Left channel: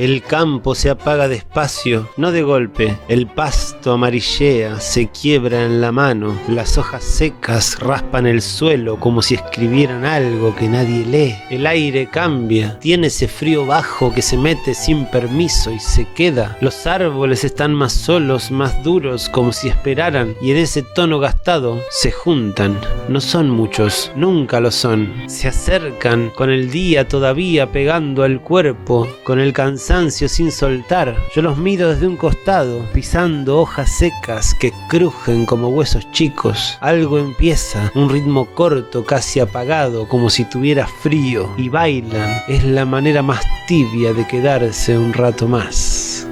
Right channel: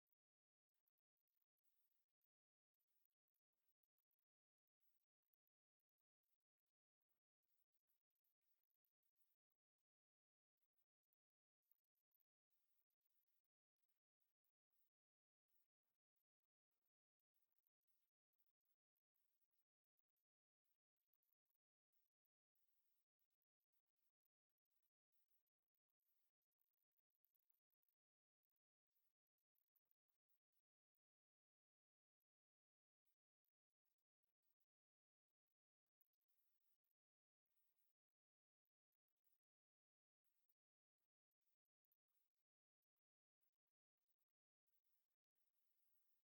El campo se apaga despacio, no de golpe. El pasto amarillea, se quiebra en la mano. Las hojas secas raspan el suelo como si escribieran algo que nadie lee. El aire cambia, tiene ese frío bajo que se mete sin permiso y se queda. Los árboles están más solos, más duros, como si esperaran, y en ese tono gastado se juntan. No son muchos, nunca lo son. Se acercan con el día todavía pegando al cuerpo, con el cansancio sin soltar. Yo los miro desde un costado, pisando hojas secas que crujen como huesos chicos. Algo empieza, un ritmo corto, casi apagado, como si tuviera frío, y bailan. Es la manera más tibia de quedarse un rato más.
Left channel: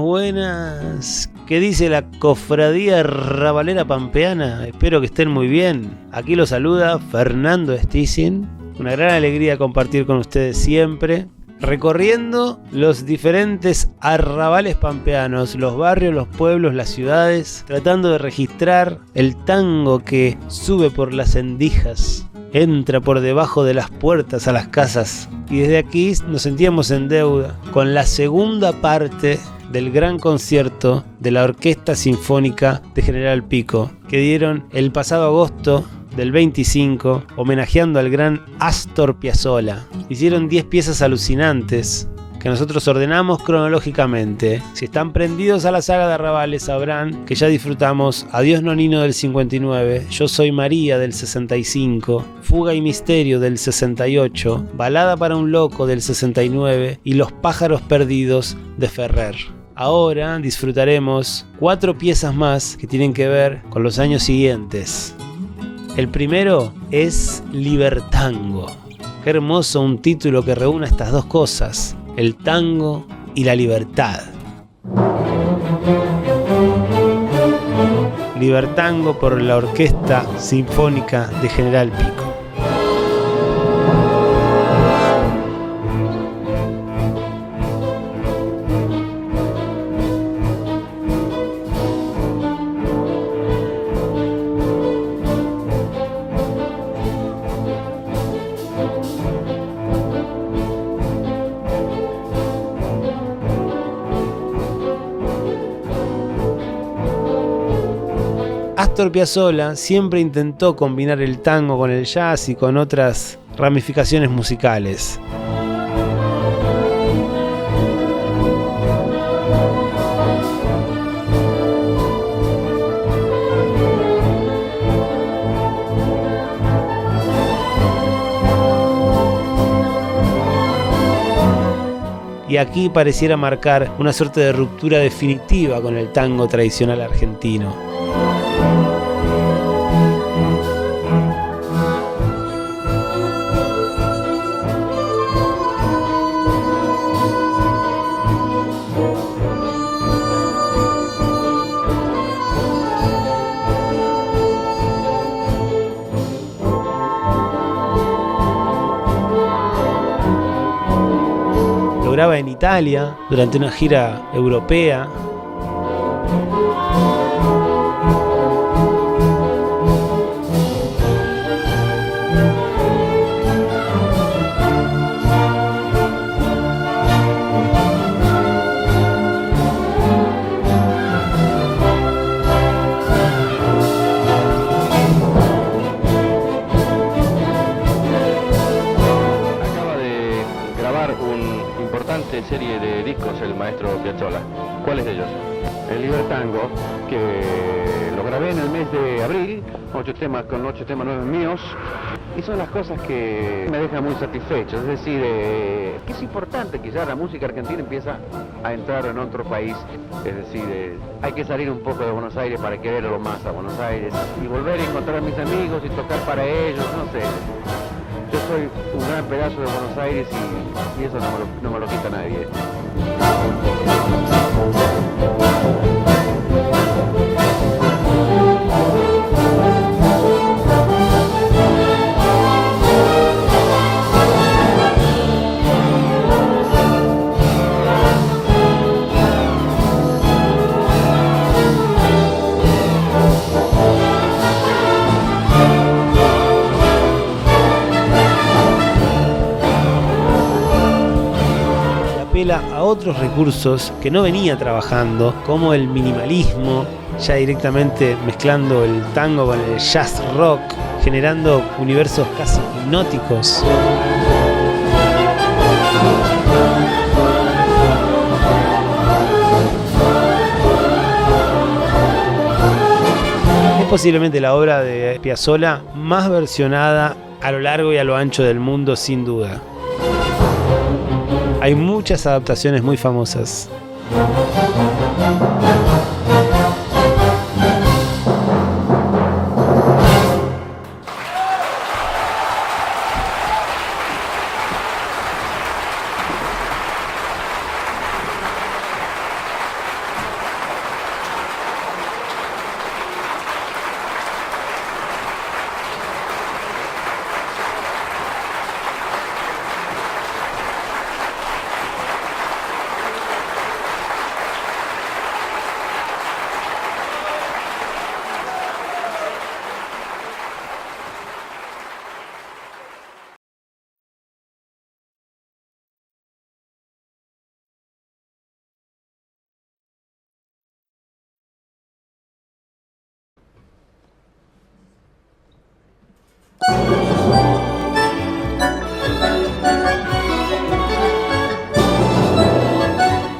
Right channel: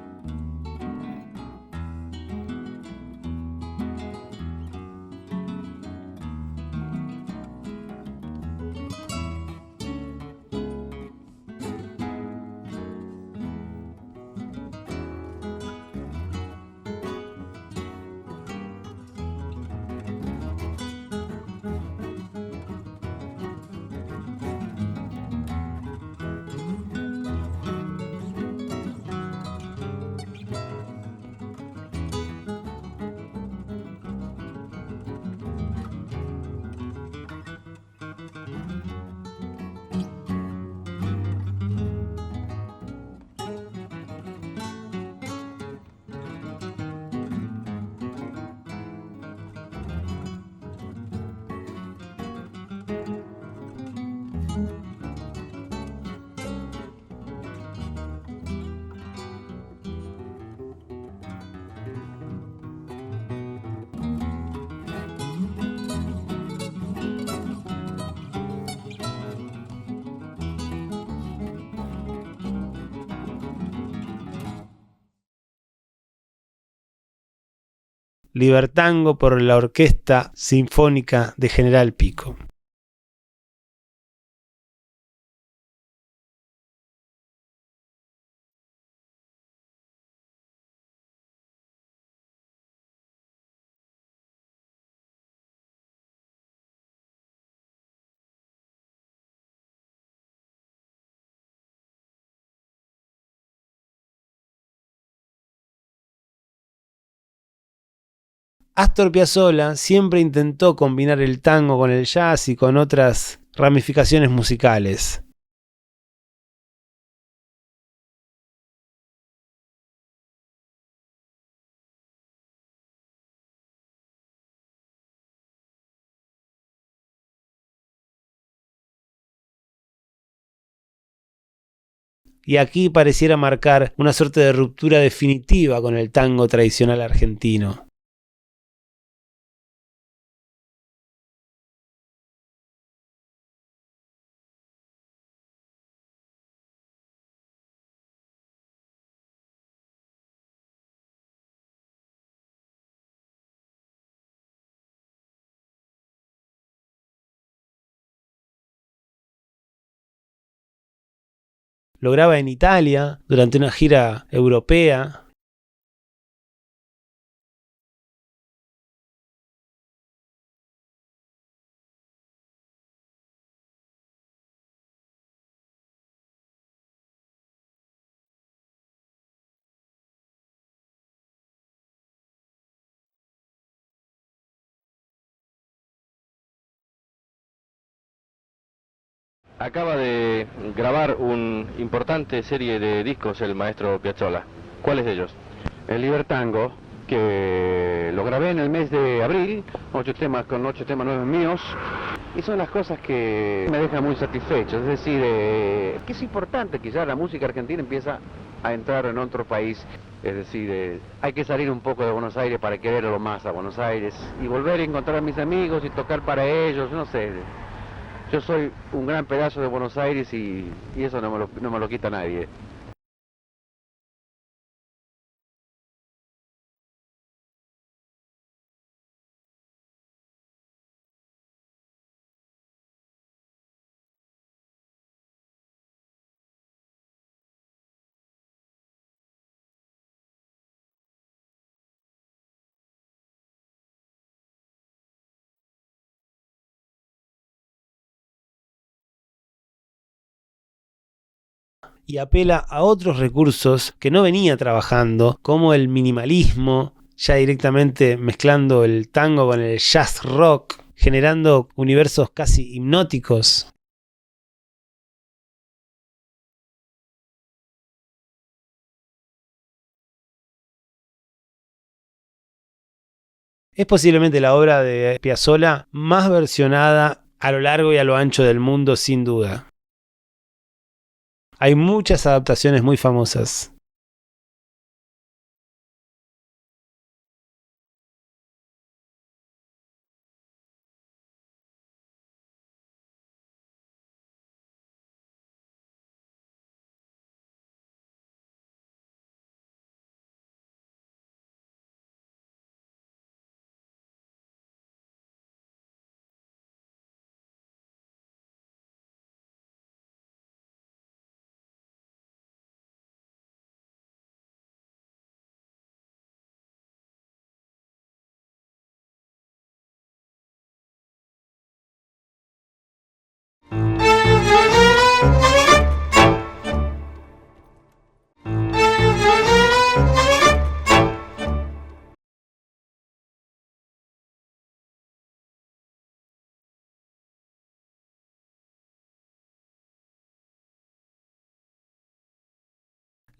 Buenas. ¿Qué dice la cofradía rabalera pampeana? Espero que estén muy bien. Aquí los saluda Fernando Stissin. Una gran alegría compartir con ustedes siempre, recorriendo los diferentes arrabales pampeanos, los barrios, los pueblos, las ciudades, tratando de registrar el tango que sube por las endijas, entra por debajo de las puertas a las casas. Y desde aquí nos sentíamos en deuda con la segunda parte del gran concierto de la Orquesta Sinfónica de General Pico, que dieron el pasado agosto del 25, homenajeando al gran Astor Piazzolla. Hicieron 10 piezas alucinantes que nosotros ordenamos cronológicamente. Si están prendidos a la saga de arrabales sabrán que ya disfrutamos Adiós Nonino del 59, Yo Soy María del 65, Fuga y Misterio del 68, Balada para un Loco del 69 y Los Pájaros Perdidos de Ferrer. Ahora disfrutaremos 4 piezas más que tienen que ver con los años siguientes. El primero es Libertango. Qué hermoso un título que reúna estas dos cosas, el tango y la libertad. Libertango por la Orquesta Sinfónica de General Pico. Astor Piazzolla siempre intentó combinar el tango con el jazz y con otras ramificaciones musicales. Y aquí pareciera marcar una suerte de ruptura definitiva con el tango tradicional argentino. Lo graba en Italia durante una gira europea. Una importante serie de discos el maestro Piazzolla. ¿Cuáles de ellos? El Libertango, que lo grabé en el mes de abril, 8 temas con 8 temas nuevos míos, Y son las cosas que me dejan muy satisfecho, es decir, que es importante que ya la música argentina empieza a entrar en otro país, es decir, hay que salir un poco de Buenos Aires para quererlo más a Buenos Aires y volver a encontrar a mis amigos y tocar para ellos, no sé. Yo soy un gran pedazo de Buenos Aires y eso no me lo quita nadie. Apela a otros recursos que no venía trabajando, como el minimalismo, ya directamente mezclando el tango con el jazz rock, generando universos casi hipnóticos. Es posiblemente la obra de Piazzolla más versionada a lo largo y a lo ancho del mundo, sin duda. Hay muchas adaptaciones muy famosas.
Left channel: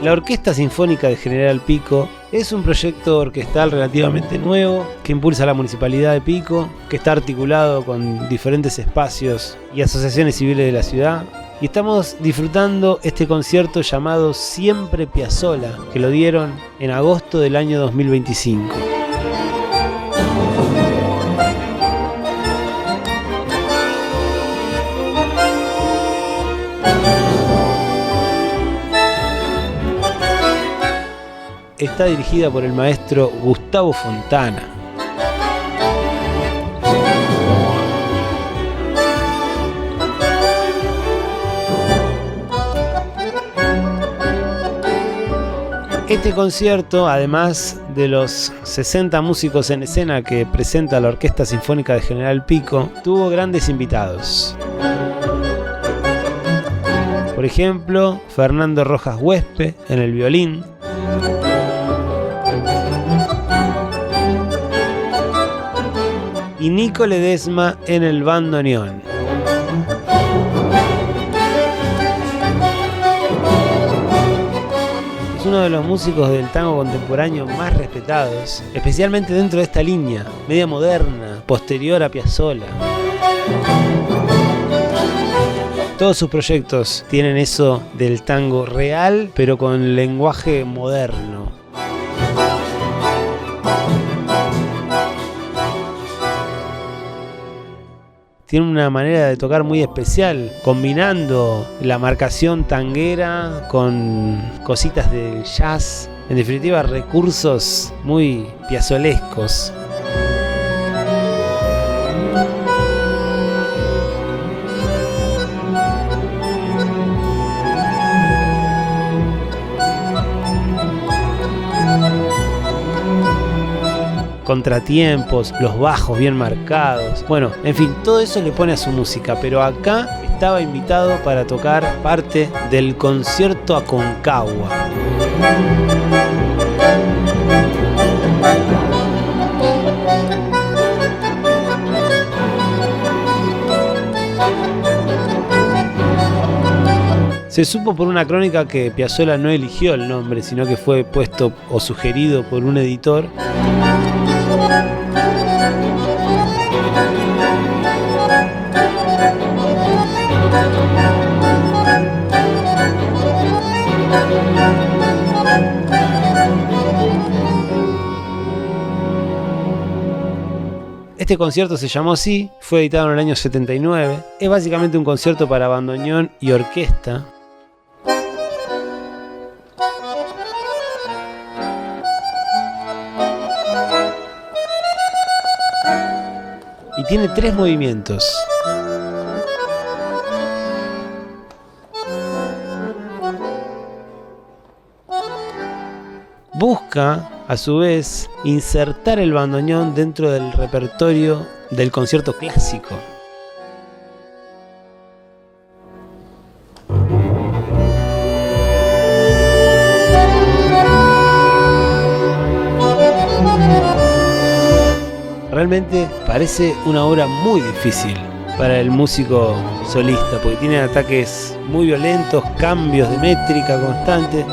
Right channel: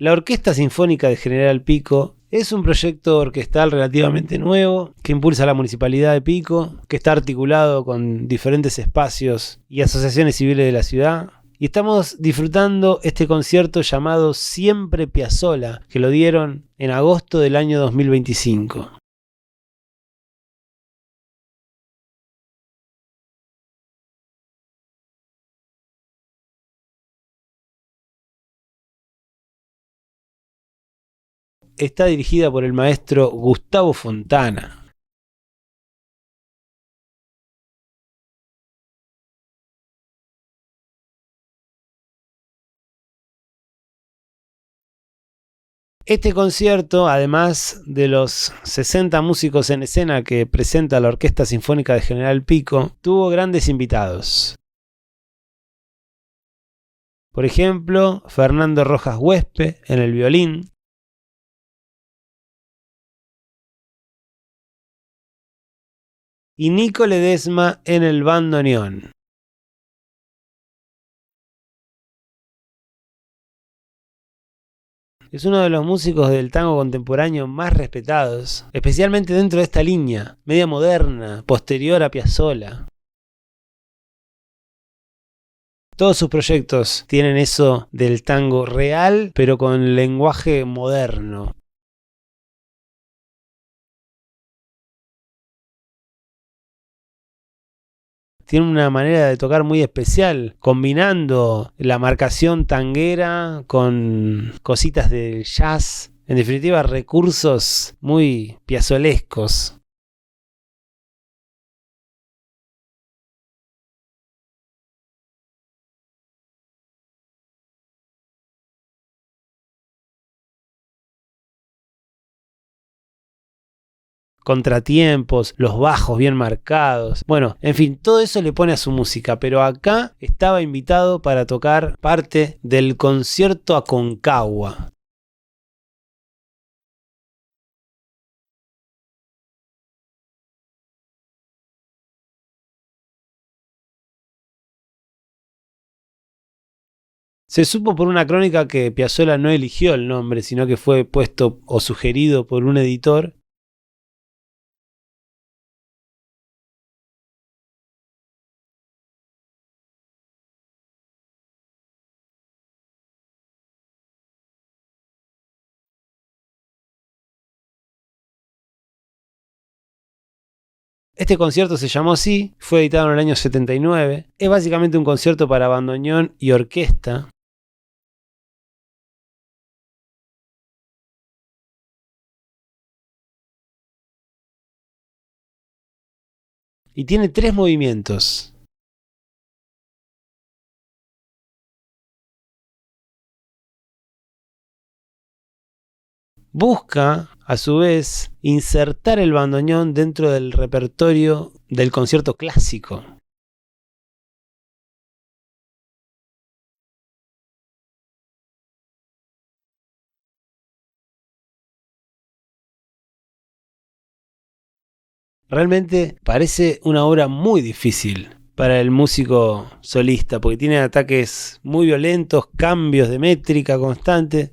La Orquesta Sinfónica de General Pico es un proyecto orquestal relativamente nuevo que impulsa la Municipalidad de Pico, que está articulado con diferentes espacios y asociaciones civiles de la ciudad. Y estamos disfrutando este concierto llamado Siempre Piazzolla, que lo dieron en agosto del año 2025. Está dirigida por el maestro Gustavo Fontana. Este concierto, además de los 60 músicos en escena que presenta la Orquesta Sinfónica de General Pico, tuvo grandes invitados. Por ejemplo, Fernando Rojas Huespe en el violín, y Nico Ledesma en el bandoneón. Es uno de los músicos del tango contemporáneo más respetados, especialmente dentro de esta línea, media moderna, posterior a Piazzolla. Todos sus proyectos tienen eso del tango real, pero con lenguaje moderno. Tiene una manera de tocar muy especial, combinando la marcación tanguera con cositas del jazz. En definitiva, recursos muy piazzolescos. Contratiempos, los bajos bien marcados. Bueno, en fin, todo eso le pone a su música, pero acá estaba invitado para tocar parte del concierto Aconcagua. Se supo por una crónica que Piazzolla no eligió el nombre, sino que fue puesto o sugerido por un editor. Este concierto se llamó así, fue editado en el año 79. Es básicamente un concierto para bandoneón y orquesta. Y tiene 3 movimientos. Busca, a su vez, insertar el bandoneón dentro del repertorio del concierto clásico. Realmente parece una obra muy difícil para el músico solista, porque tiene ataques muy violentos, cambios de métrica constantes.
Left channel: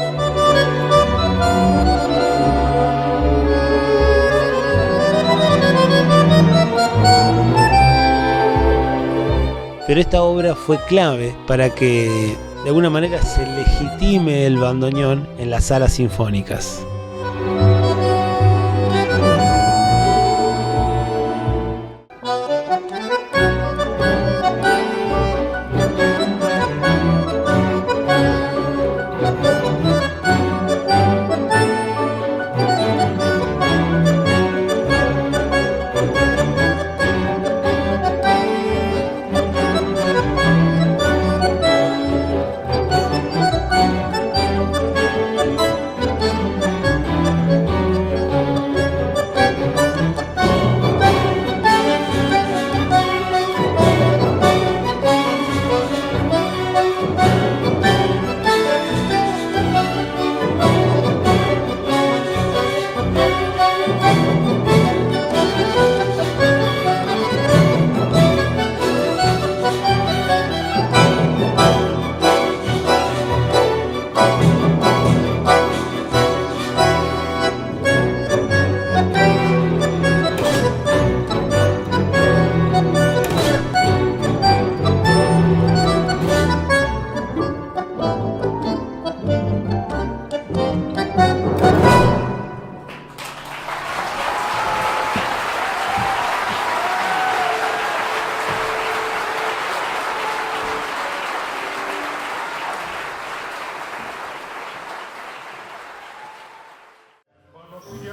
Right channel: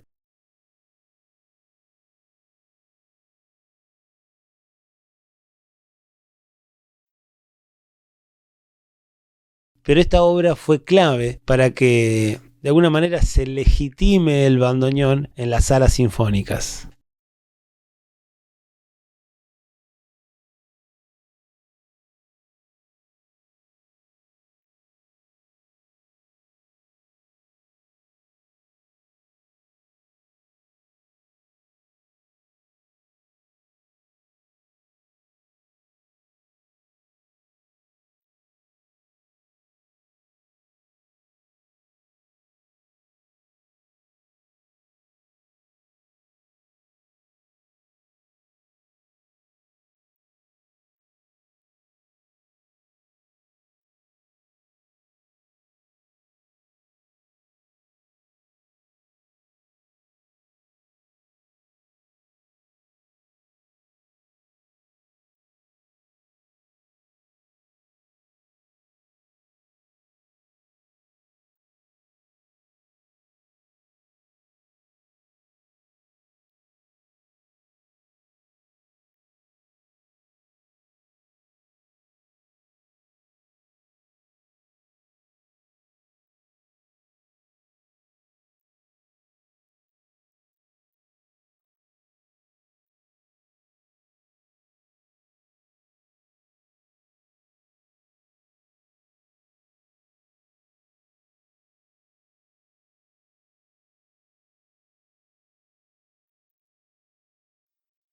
Pero esta obra fue clave para que de alguna manera se legitime el bandoneón en las salas sinfónicas.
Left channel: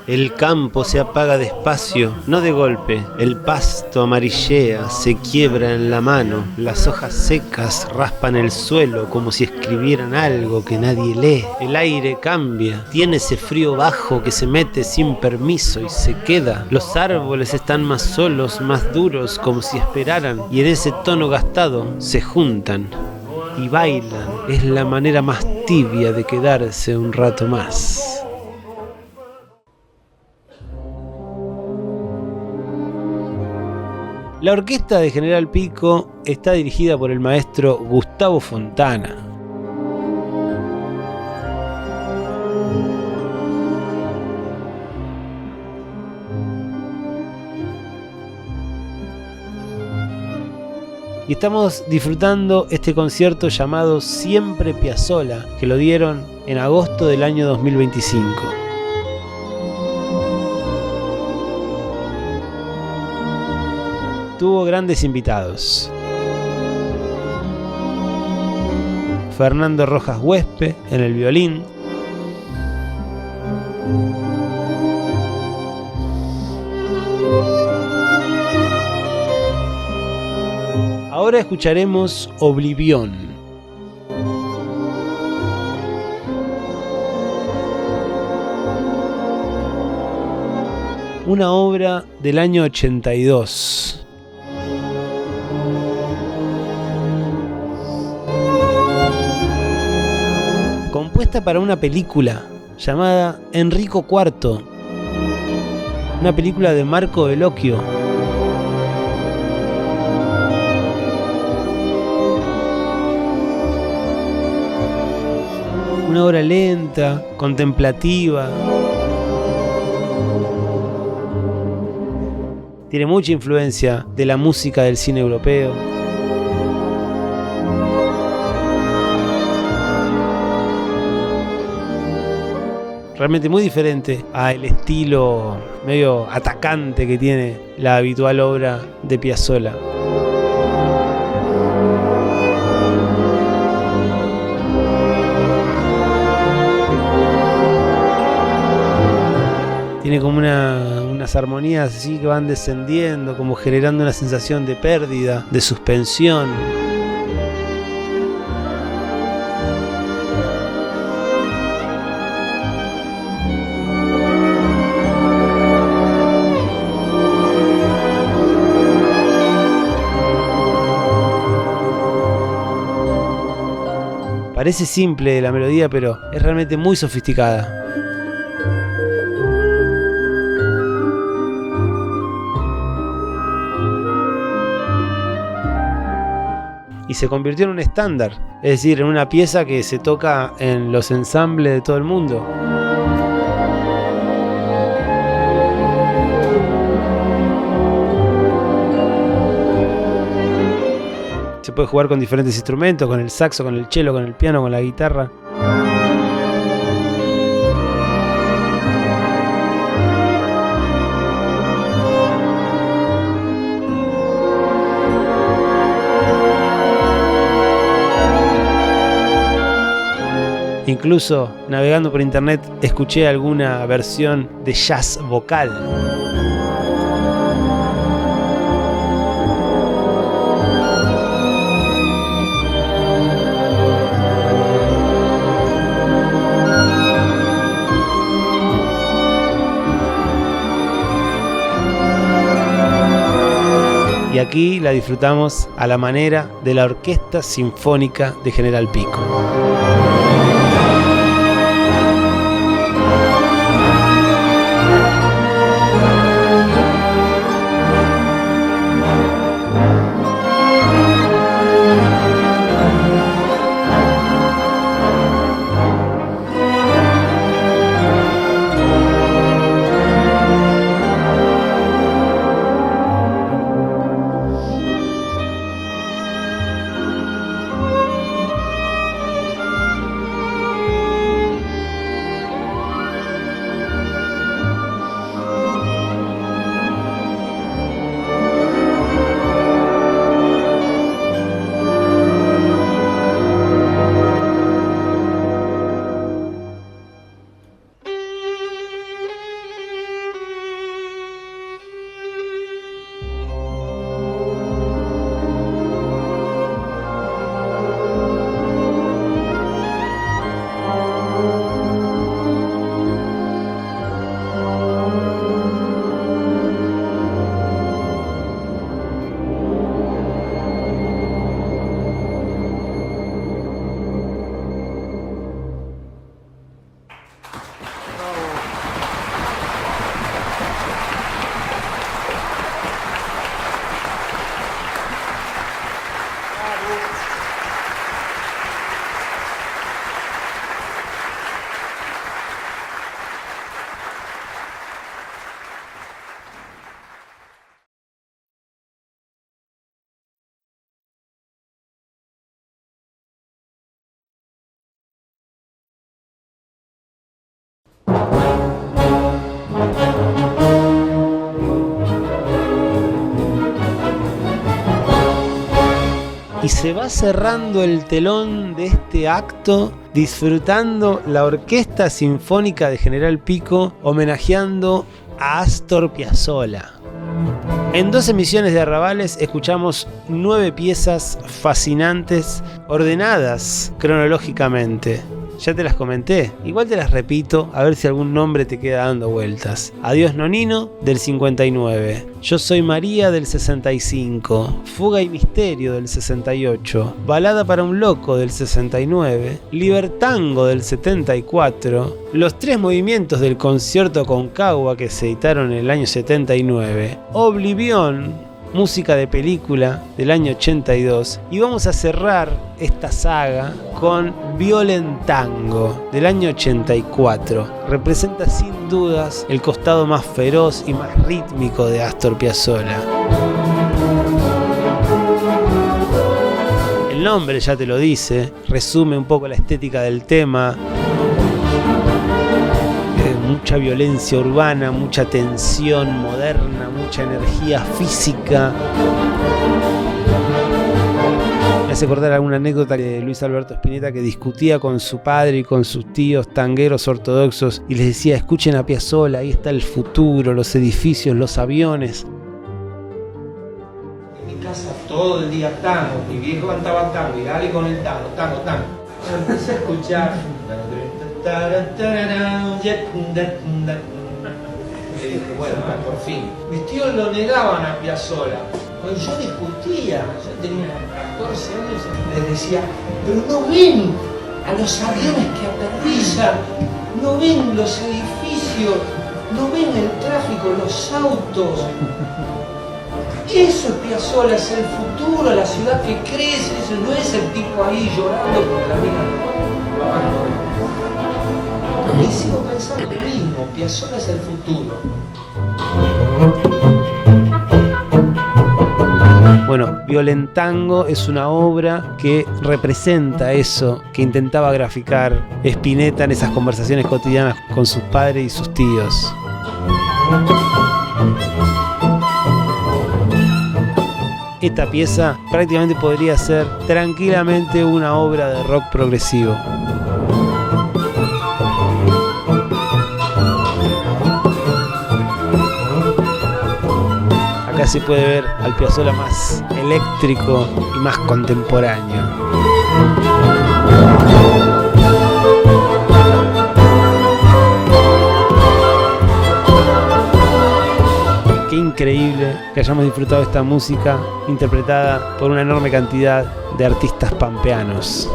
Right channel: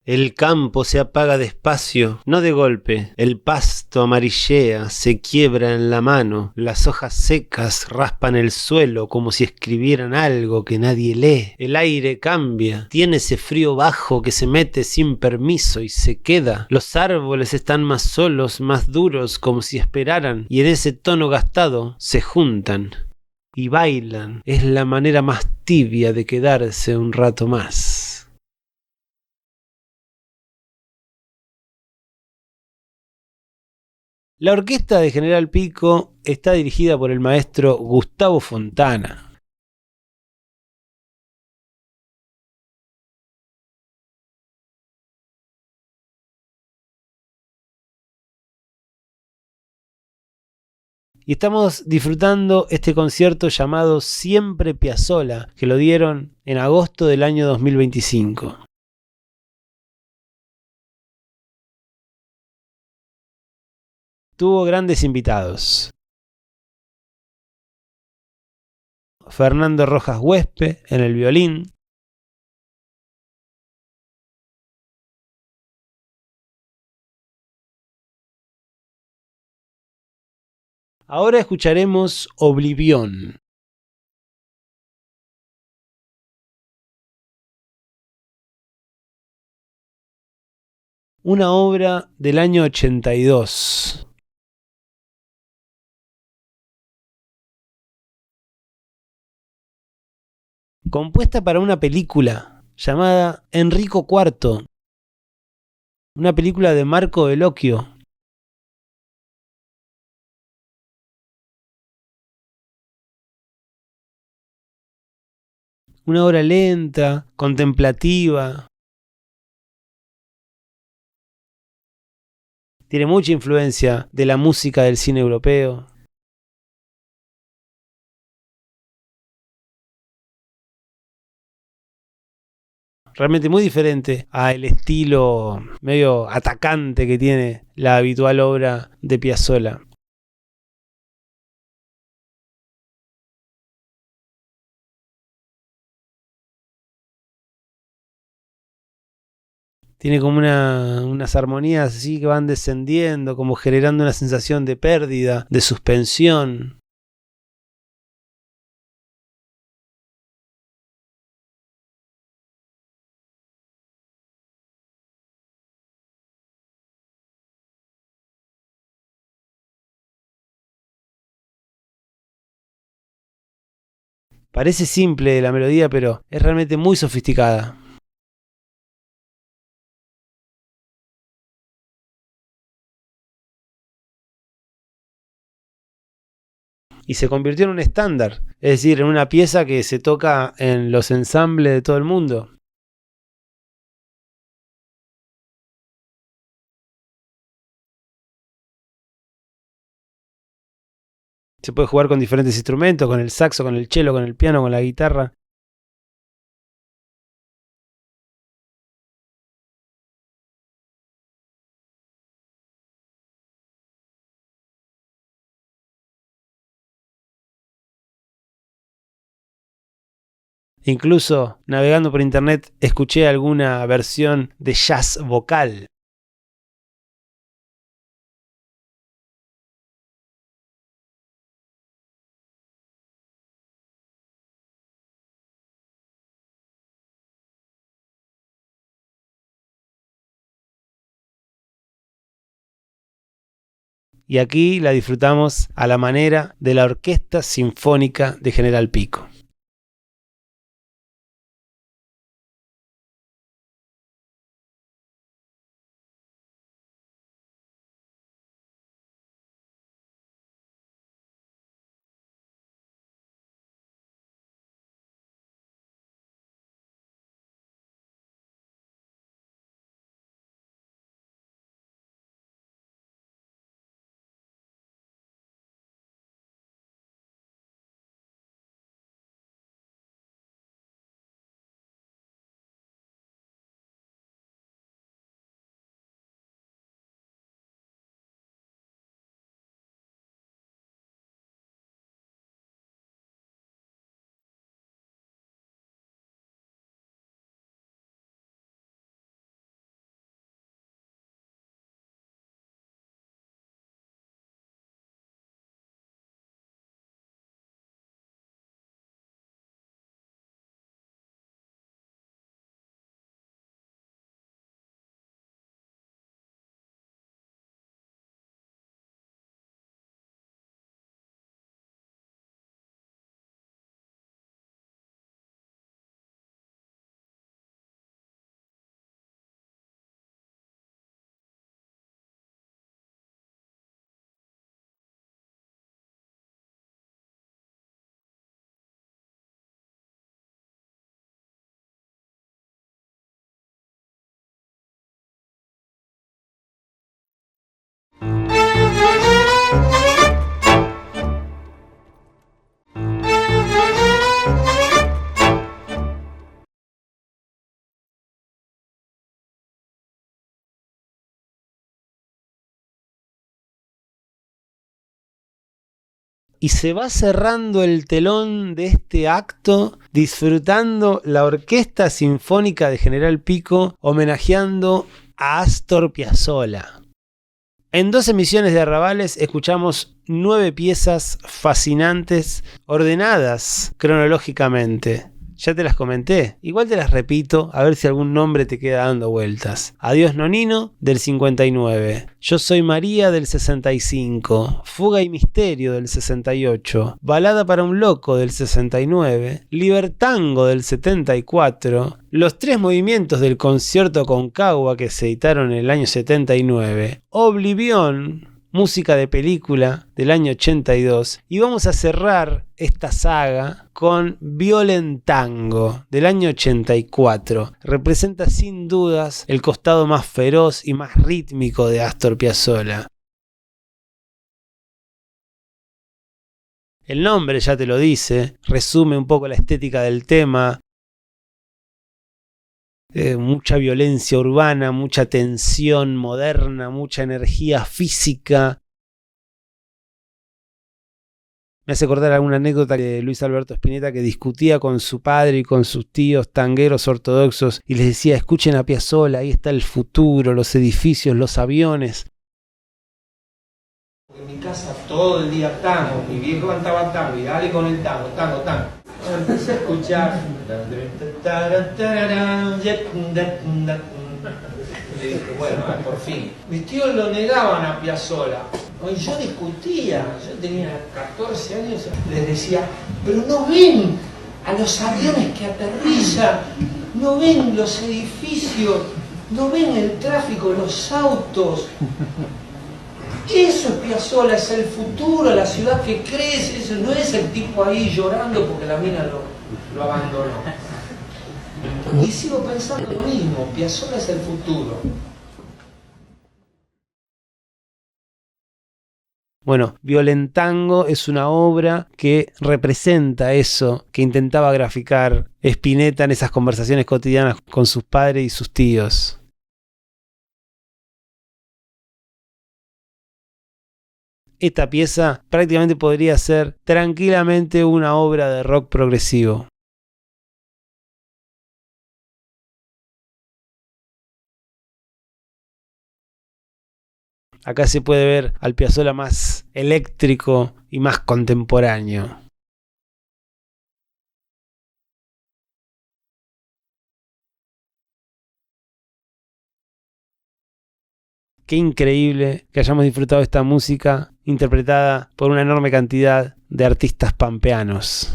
El campo se apaga despacio, no de golpe. El pasto amarillea, se quiebra en la mano. Las hojas secas raspan el suelo como si escribieran algo que nadie lee. El aire cambia, tiene ese frío bajo que se mete sin permiso y se queda. Los árboles están más solos, más duros, como si esperaran. Y en ese tono gastado se juntan y bailan. Es la manera más tibia de quedarse un rato más. La orquesta de General Pico está dirigida por el maestro Gustavo Fontana. Y estamos disfrutando este concierto llamado Siempre Piazzolla, que lo dieron en agosto del año 2025. Tuvo grandes invitados. Fernando Rojas Huespe en el violín. Ahora escucharemos Oblivión. Una obra del año 82. Compuesta para una película llamada Enrico IV, una película de Marco Bellocchio. Una obra lenta, contemplativa. Tiene mucha influencia de la música del cine europeo. realmente muy diferente al estilo medio atacante que tiene la habitual obra de Piazzolla. Tiene como unas armonías así que van descendiendo, como generando una sensación de pérdida, de suspensión. Parece simple la melodía, pero es realmente muy sofisticada. Y se convirtió en un estándar, es decir, en una pieza que se toca en los ensambles de todo el mundo. Se puede jugar con diferentes instrumentos, con el saxo, con el cello, con el piano, con la guitarra. Incluso navegando por internet escuché alguna versión de jazz vocal. Y aquí la disfrutamos a la manera de la Orquesta Sinfónica de General Pico. Y se va cerrando el telón de este acto disfrutando la Orquesta Sinfónica de General Pico homenajeando a Astor Piazzolla. En 2 emisiones de Arrabales escuchamos 9 piezas fascinantes ordenadas cronológicamente. Ya te las comenté, igual te las repito a ver si algún nombre te queda dando vueltas. Adiós Nonino del 59, Yo soy María del 65, Fuga y Misterio del 68, Balada para un Loco del 69, Libertango del 74, los 3 movimientos del Concierto Concagua que se editaron en el año 79, Oblivión, música de película del año 82, y vamos a cerrar esta saga con Violentango del año 84. Representa sin dudas el costado más feroz y más rítmico de Astor Piazzolla. El nombre ya te lo dice, resume un poco la estética del tema. mucha violencia urbana, mucha tensión moderna, mucha energía física. Me hace acordar alguna anécdota de Luis Alberto Spinetta, que discutía con su padre y con sus tíos tangueros ortodoxos y les decía: escuchen a Piazzolla, ahí está el futuro, los edificios, los aviones. En mi casa todo el día tango, mi viejo cantaba tango y dale con el tango. Empecé a escuchar. Le dije, bueno, por fin. Mis tíos lo negaban a Piazzolla. Cuando yo discutía, yo tenía 14 años, les decía, pero no ven a los aviones que aterrizan, no ven los edificios, no ven el tráfico, los autos. Eso es Piazzolla, es el futuro, la ciudad que crece, eso no es el tipo ahí llorando porque la mina lo abandonó. Y sigo pensando lo mismo, Piazzolla es el futuro. Bueno, Violentango es una obra que representa eso que intentaba graficar Spinetta en esas conversaciones cotidianas con sus padres y sus tíos. Esta pieza prácticamente podría ser tranquilamente una obra de rock progresivo. Acá se puede ver al Piazzolla más eléctrico y más contemporáneo. Qué increíble que hayamos disfrutado de esta música interpretada por una enorme cantidad de artistas pampeanos.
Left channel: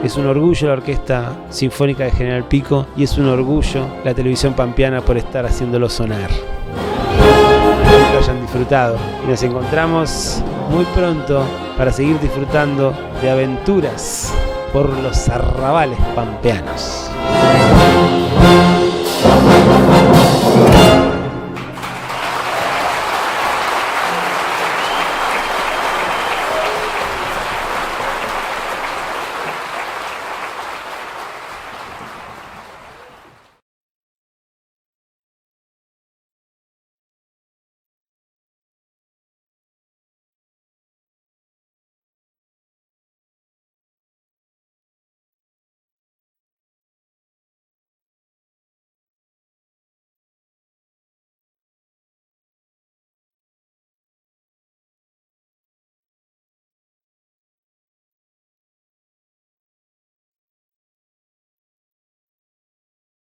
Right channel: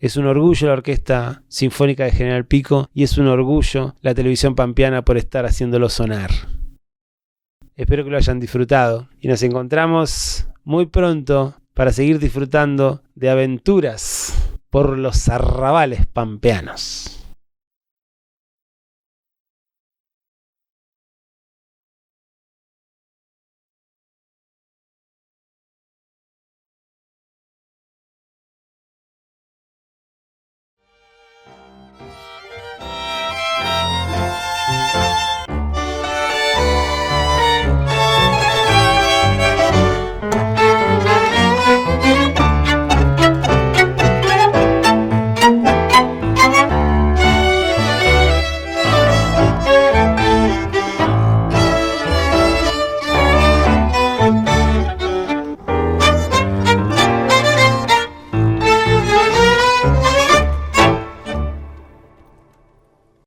Es un orgullo la Orquesta Sinfónica de General Pico y es un orgullo la televisión pampeana por estar haciéndolo sonar. Espero que lo hayan disfrutado y nos encontramos muy pronto para seguir disfrutando de aventuras por los arrabales pampeanos.